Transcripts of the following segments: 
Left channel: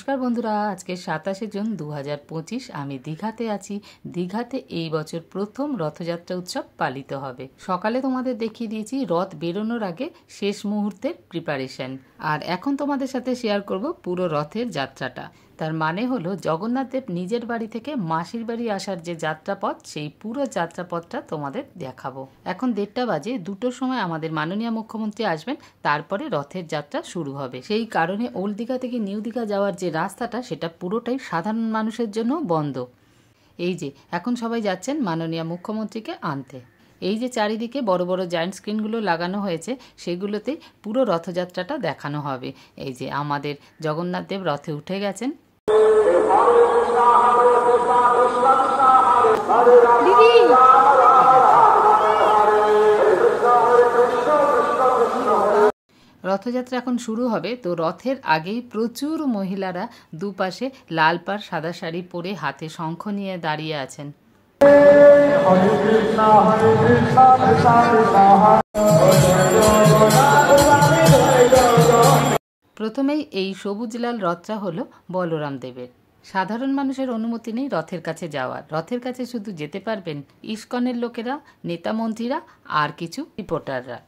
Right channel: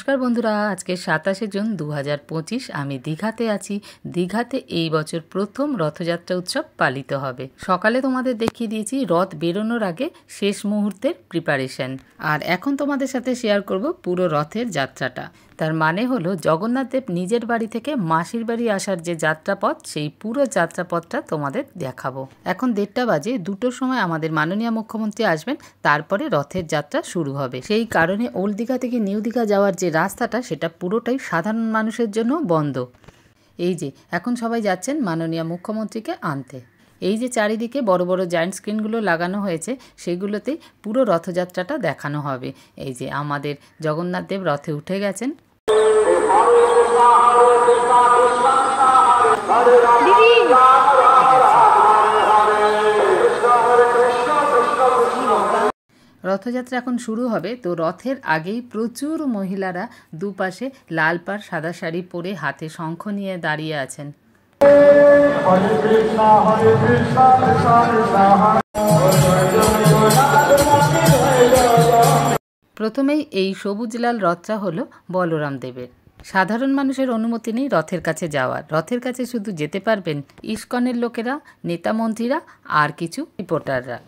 নমস্কার বন্ধুরা, আজকে 27 জুন 2025। আমি দীঘাতে আছি। দীঘাতে এই বছর প্রথম রথযাত্রা উৎসব পালিত হবে। সকালে তোমাদের দেখিয়ে দিয়েছি রথ বেরোনোর আগে শেষ মুহূর্তের প্রিপারেশন, আর এখন তোমাদের সাথে শেয়ার করব পুরো রথের যাত্রাটা। তার মানে হলো জগন্নাথ দেব নিজের বাড়ি থেকে মাসির বাড়ি আসার যে যাত্রাপথ, সেই পুরো যাত্রাপথটা তোমাদের দেখাবো। এখন 1:30 বাজে, 2টোর সময় আমাদের মাননীয় মুখ্যমন্ত্রী আসবেন, তারপরে রথের যাত্রা শুরু হবে। সেই কারণে ওল্ড দীঘা থেকে নিউ দীঘা যাওয়ার যে রাস্তাটা, সেটা পুরোটাই সাধারণ মানুষের জন্য বন্ধ। এই যে এখন সবাই যাচ্ছেন মাননীয় মুখ্যমন্ত্রীকে আনতে। এই যে চারিদিকে বড় বড় জায়ান্ট স্ক্রিনগুলো লাগানো হয়েছে, সেগুলোতেই পুরো রথযাত্রাটা দেখানো হবে। এই যে আমাদের জগন্নাথ দেব রথে উঠে গেছেন। রথযাত্রা এখন শুরু হবে। তো রথের আগেই প্রচুর মহিলারা দুপাশে লাল পাড় সাদা শাড়ি পরে হাতে শঙ্খ নিয়ে দাঁড়িয়ে আছেন। প্রথমেই এই সবুজ লাল রথটা হলো বলরাম দেবের। সাধারণ মানুষের অনুমতি নেই রথের কাছে যাওয়ার। রথের কাছে শুধু যেতে পারবেন ইস্কনের লোকেরা, নেতা মন্ত্রীরা আর কিছু রিপোর্টাররা।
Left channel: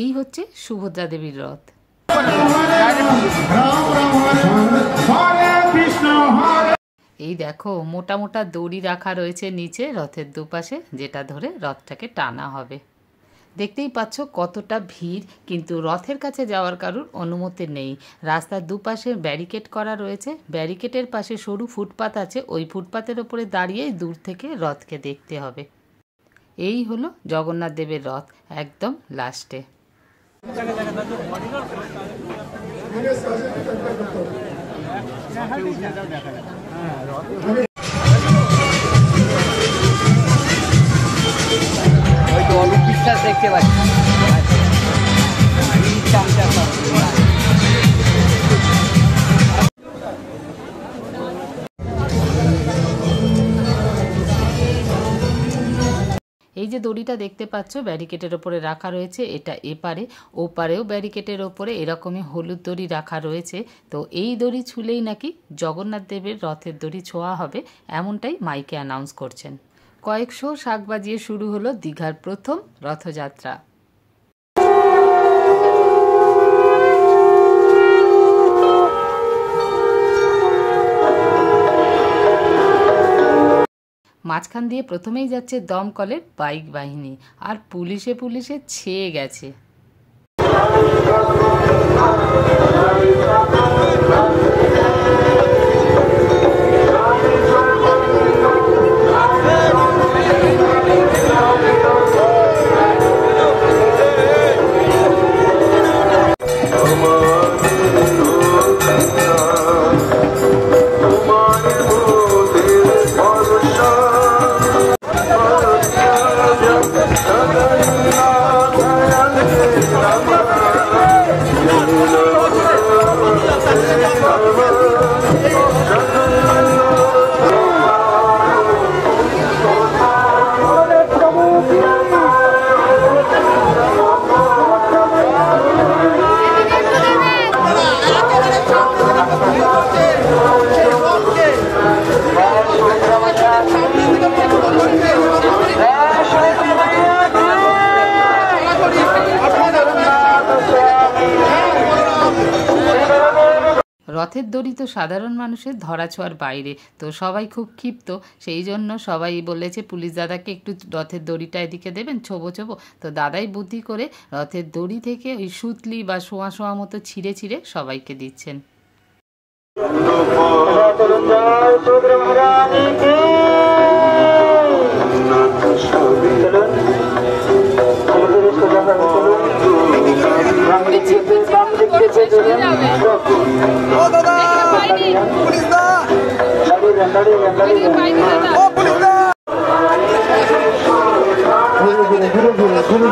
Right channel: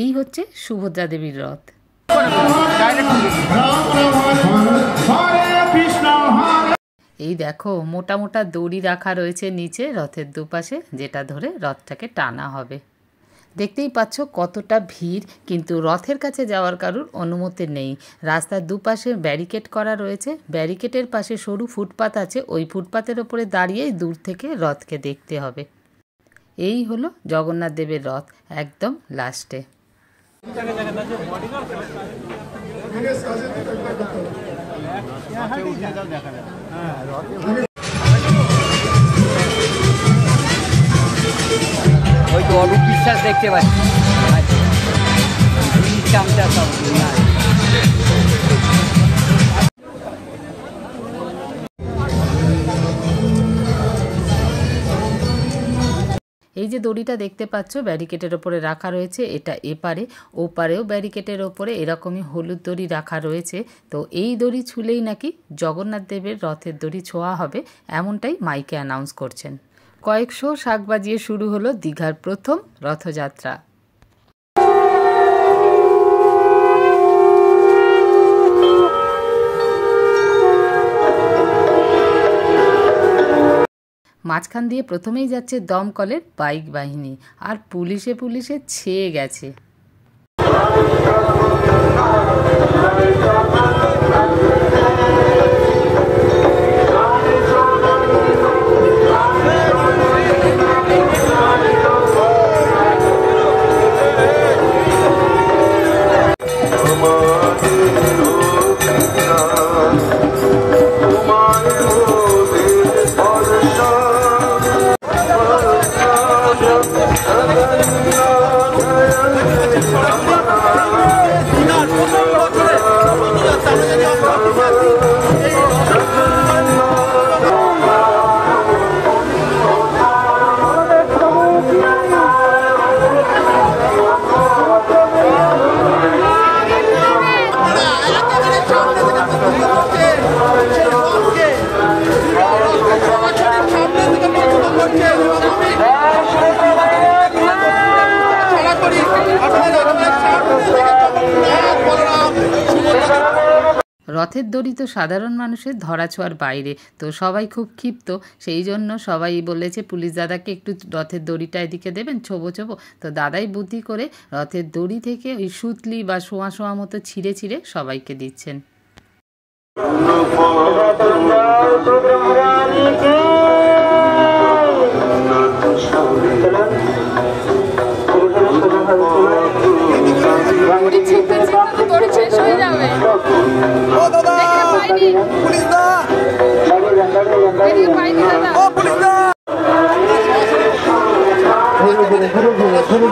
এই হচ্ছে সুভদ্রা দেবীর রথ। এই দেখো মোটা মোটা দড়ি রাখা রয়েছে নিচে রথের দুপাশে, যেটা ধরে রথটাকে টানা হবে। দেখতেই পাচ্ছ কতটা ভিড়, কিন্তু রথের কাছে যাওয়ার কারোর অনুমতি নেই। রাস্তার দুপাশে ব্যারিকেড করা রয়েছে। ব্যারিকেডের পাশে সরু ফুটপাত আছে, ওই ফুটপাতের ওপরে দাঁড়িয়েই দূর থেকে রথকে দেখতে হবে। এই হলো জগন্নাথ দেবের রথ, একদম লাস্টে। অরূপ বিশ্বাস দেখতে পাচ্ছি। এই যে দড়িটা দেখতে পাচ্ছ ব্যারিকেডের ওপরে রাখা রয়েছে, এটা এপারে, ওপারেও ব্যারিকেডের ওপরে এরকমই হলুদ দড়ি রাখা রয়েছে। তো এই দড়ি ছুলেই নাকি জগন্নাথ দেবের রথের দড়ি ছোঁয়া হবে, এমনটাই মাইকে অ্যানাউন্স করছেন। কয়েকশো শাঁখ বাজিয়ে শুরু হলো দীঘার প্রথম রথযাত্রা। মাঝখান দিয়ে প্রথমেই যাচ্ছে দমকলের বাইক বাহিনী, আর পুলিশে ছেয়ে গেছে। রথের দড়ি তো সাধারণ মানুষের ধরাছোঁয়ার বাইরে, তো সবাই খুব ক্ষিপ্ত। সেই জন্য সবাই বলেছে পুলিশ দাদাকে একটু রথের দড়িটা এদিকে দেবেন, ছোবো। তো দাদাই বুদ্ধি করে রথের দড়ি থেকে ওই সুতলি বা শোয়া মতো ছিঁড়ে সবাইকে দিচ্ছেন।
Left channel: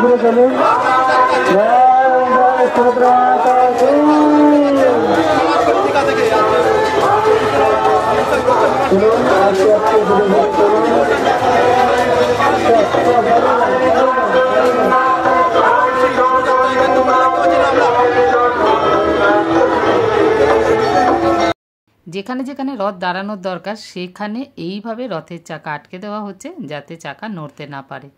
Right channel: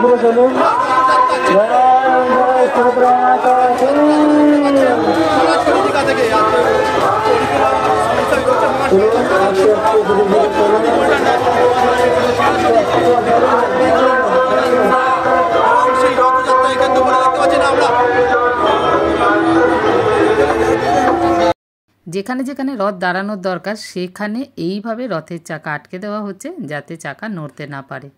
ঘুরে চলুন। যেখানে যেখানে রথ দাঁড়ানোর দরকার সেখানে এইভাবে রথের চাকা আটকে দেওয়া হচ্ছে যাতে চাকা নড়তে না পারে।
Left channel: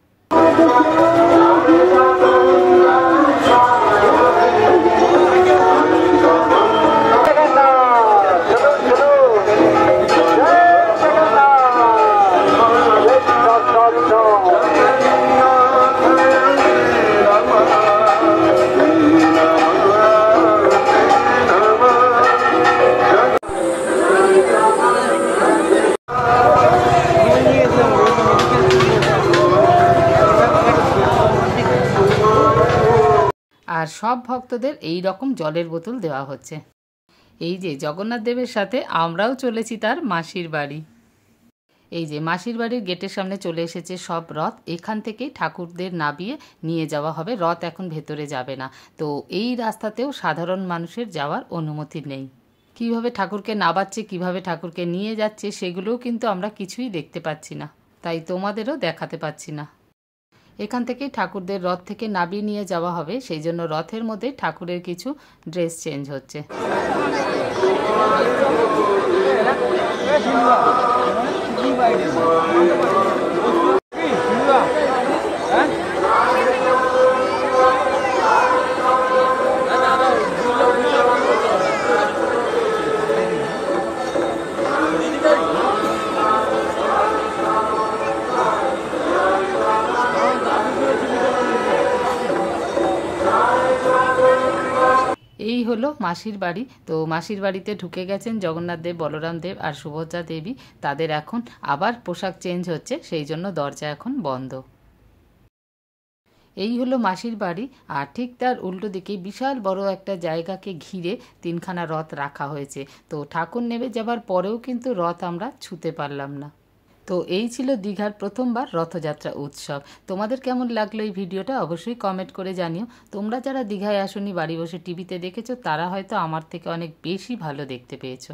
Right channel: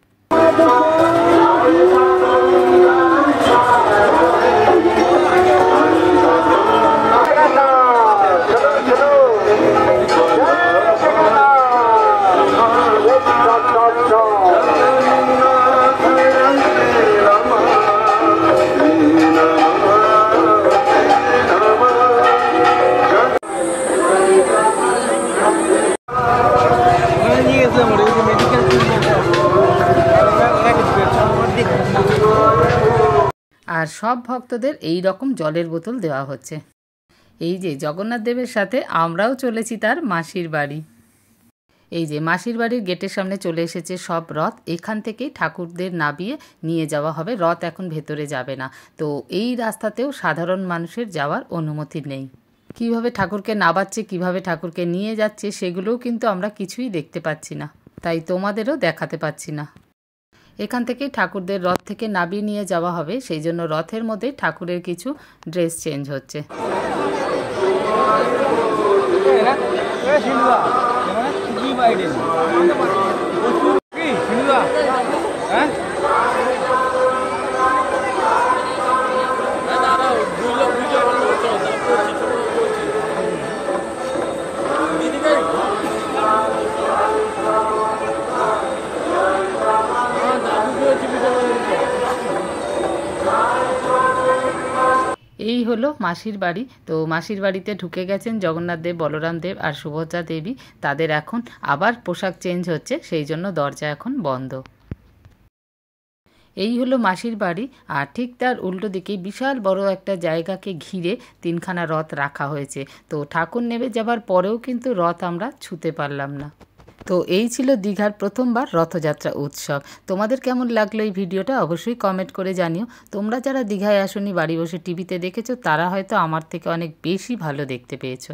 আর সব ভক্তদের এই রকম জলের বোতল দেওয়া হচ্ছে। এই যে জগন্নাথ দেবের সাথে আমরাও চলেছি তার মাসির বাড়ি। এই যে মাসির বাড়ির গেটের সামনে চলে এসেছে সব রথ। এখান থেকেই ঠাকুরদের নামিয়ে নিয়ে যাওয়া হবে, রথ এখন ভেতরে যাবে না। তো এই রাস্তাতেও সাধারণ মানুষের যাওয়ার অনুমতি নেই। কিভাবে ঠাকুরকে নামাচ্ছে, কিভাবে ঠাকুরকে নিয়ে যাচ্ছে সেগুলোও কিন্তু আমরা কিছুই দেখতে পাচ্ছি না, তাই তোমাদেরও দেখাতে পাচ্ছি না। এখান থেকেই ঠাকুরদের রথ থেকে নামিয়ে নিয়ে যাওয়া হবে, সেই জন্য রথের মধ্যে ঠাকুরের কিছু ড্রেস চেঞ্জ হচ্ছে। এই হলো মাসির বাড়ি। তো মাসির বাড়িতে ঢুকে গেছেন জগন্নাথ দেব, বলরাম দেব আর সুভদ্রা দেবী। তাদের এখন আবার পোশাক চেঞ্জ হচ্ছে, সেই জন্য দরজা এখন বন্ধ। এই হলো মাসির বাড়ি, আর ঠিক তার উল্টো দিকে বিশাল বড় একটা জায়গাকে ঘিরে তিনখানা রথ রাখা হয়েছে। তো ঠাকুর নেমে যাবার পরেও কিন্তু রথ আমরা ছুঁতে পারলাম না। তো এই ছিল দীঘার প্রথমবার রথযাত্রা উৎসব। তোমাদের কেমন লাগলো এই ভিডিওটা অবশ্যই কমেন্ট করে জানিও। তোমরা যারা দীঘায় আসোনি, বাড়ি বসে টিভিতে দেখেছো, তারা হয়তো আমার থেকে অনেক বেশি ভালো দেখতে পেয়েছো।